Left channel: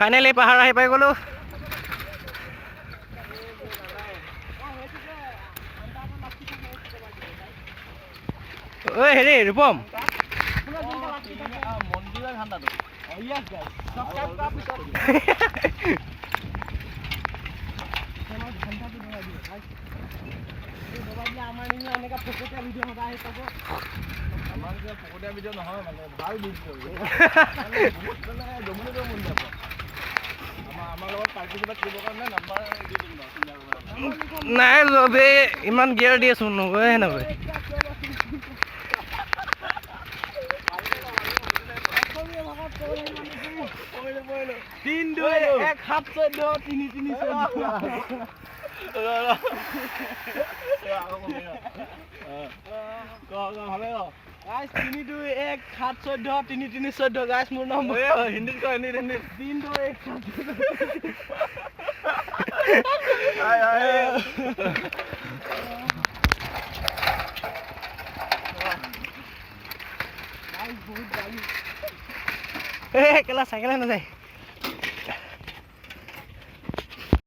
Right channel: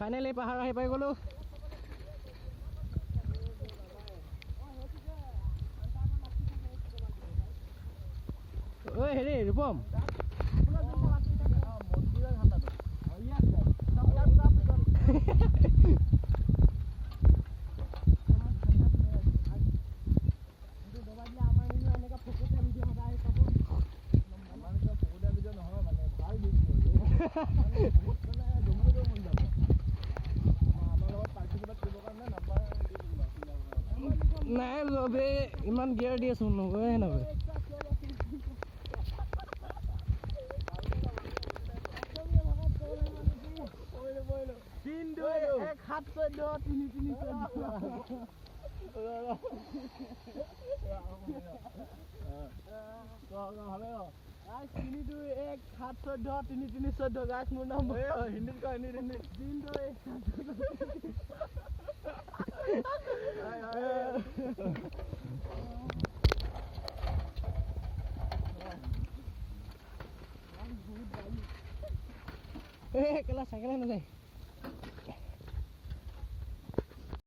Finally পাহাৰ আহি পাই গ'লো। ঐ হেৰি ৰূপম নাই বে ইমান গিয়াৰ দি আছো নগৈ নগৈ কেলা চাইকেলে নাযায়।